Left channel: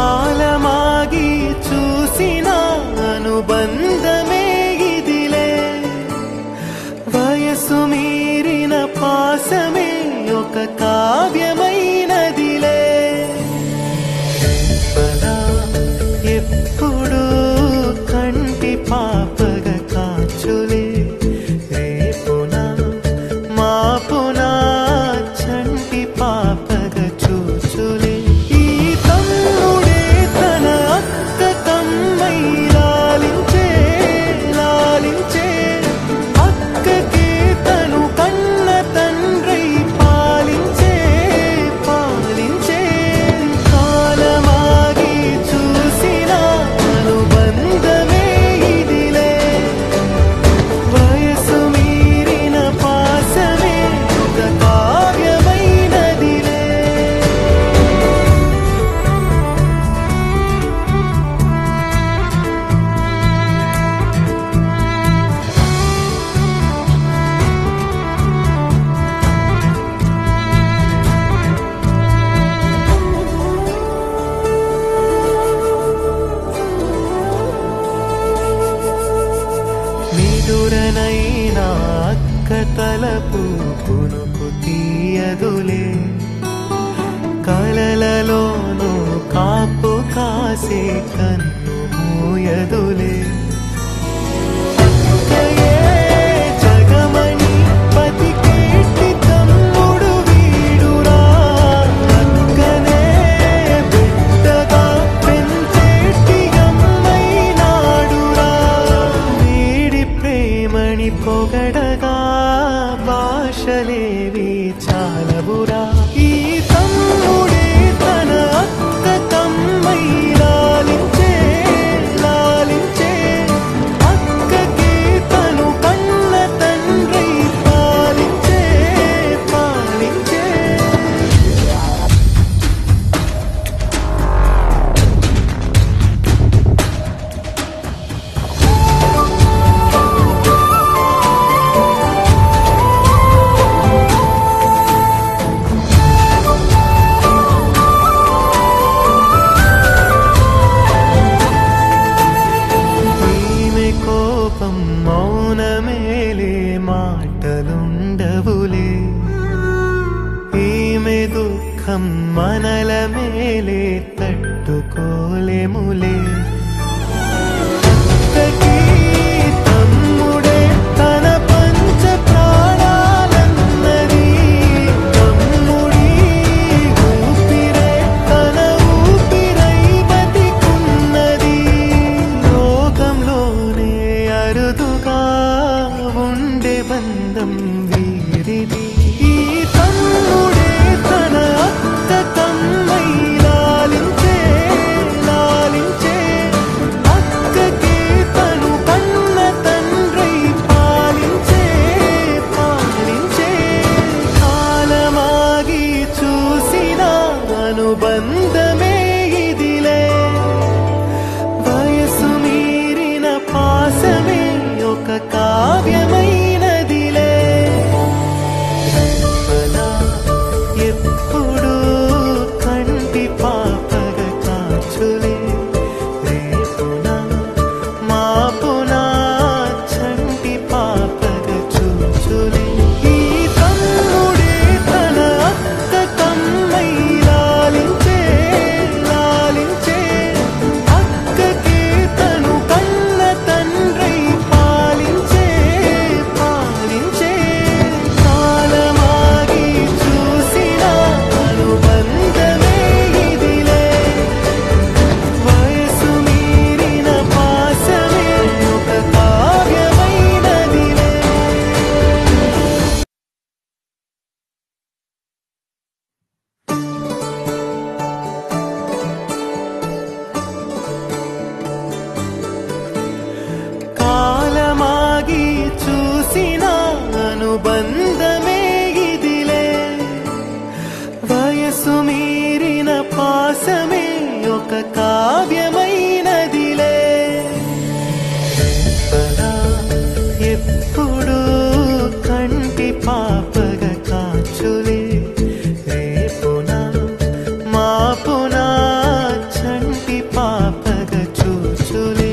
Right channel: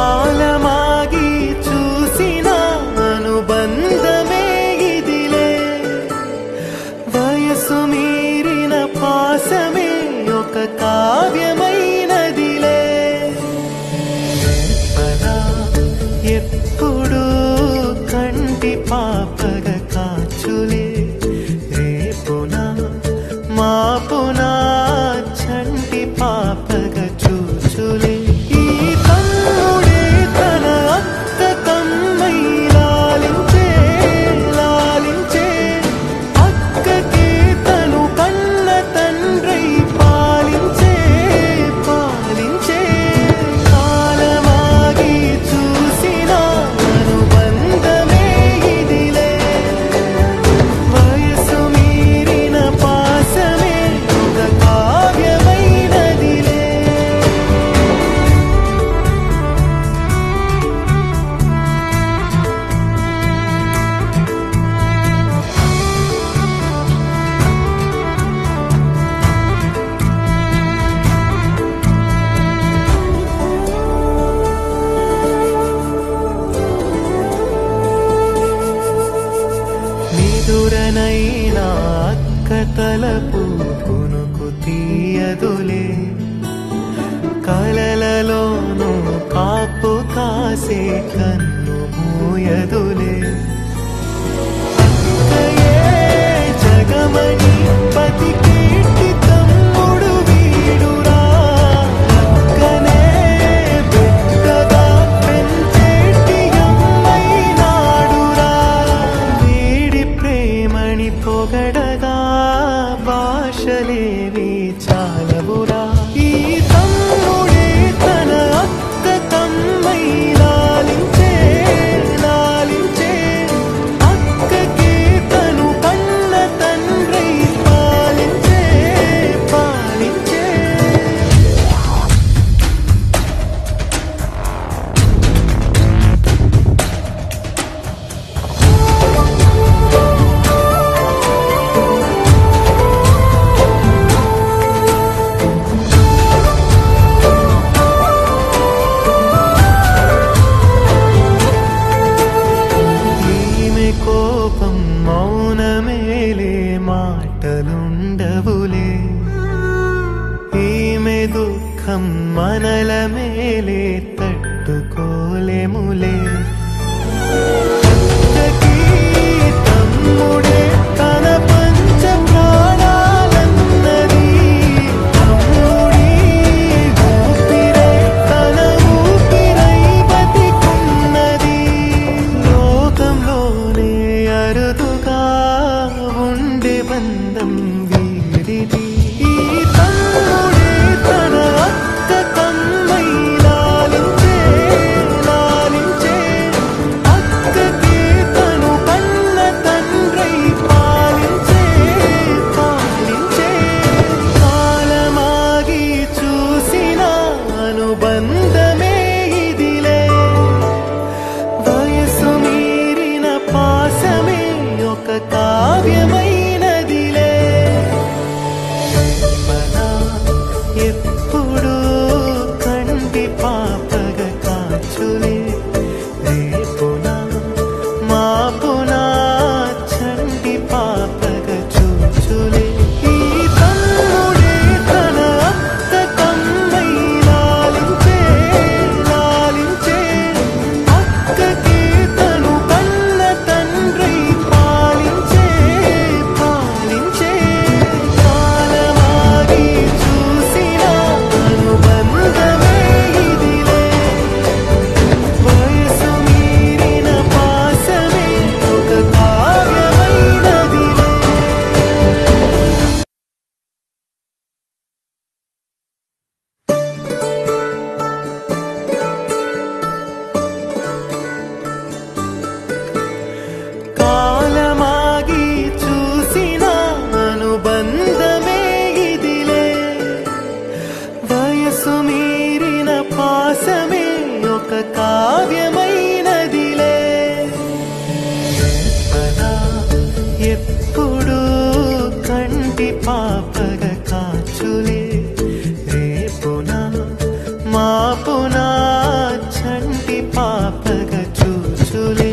కాలమాగి చూసిన అనుబంధమే ఇదిలే, వయసు మీరిన పాసమే ఒక కావ్యమైనదిలే. రేపలా ఎప్పుడు కంటి పాపగ కాచులే, రేపునా మాపునా చంటి పాపగ చూచులే. ఈ తమ్ముడే తన అక్క కమ్మై లాలించే లాలించే, అక్కకే తను కన్న తండ్రై పాలించే పాలించే. కాలమాగి చూసిన అనుబంధమే ఇదిలే, వయసు మీరిన పాసమే ఒక కావ్యమైనదిలే. నిదురనైనా అక్క తలపు కునుకు తీయదులే, కలలలోనూ కాపు కాసే కన్ను మూయదులే. అక్కయే జగమణి పతికేటి తమ్ముడు వీడురా, అక్కనే బిడ్డగా పెంచేటి అమ్మైనాడురా. వీడి ప్రేమని పొగడగా భాషలేవి చాలవురా. ఈ తమ్ముడే తన అక్క తమ్మై లాలించే లాలించే, అక్కకే తను కన్న తండ్రై పాలించే పాలించే. కోపం మౌనమేలే మాటలుండవులే, ఈమె దుఃఖం మనల మేలే తట్టుకోలేములే. అక్కకి తమ్ముడే తన పంచ ప్రాణాలన్నది, తమ్ముడి ఊపిరే తన ఊపిరై బతికున్నది. లోకంలోనే అరుదుగా ఉండే బంధం వీరిది. ఈ తమ్ముడే తన అక్క తమ్మై లాలించే లాలించే, అక్కకే తను కన్న తండ్రై పాలించే పాలించే. కాలమాగి చూసిన అనుబంధమే ఇదిలే, వయసు మీరిన పాసమే ఒక కావ్యమైనదిలే. రేపలా ఎప్పుడు కంటి పాపగ కాచులే, రేపునా మాపునా చంటి పాపగ చూచులే. ఈ తమ్ముడే తన అక్క కమ్మై లాలించే లాలించే, అక్కకే తను కన్న తండ్రై పాలించే పాలించే. కాలమాగి చూసిన అనుబంధమే ఇదిలే, వయసు మీరిన పాసమే ఒక కావ్యమైనదిలే. కాలమాగి చూసిన అనుబంధమే ఇదిలే, వయసు మీరిన పాసమే ఒక కావ్యమైనదిలే. రేపలా ఎప్పుడు కంటి పాపగా కాచులే రేపునా మాపునా చంటి పాపగా చూచులే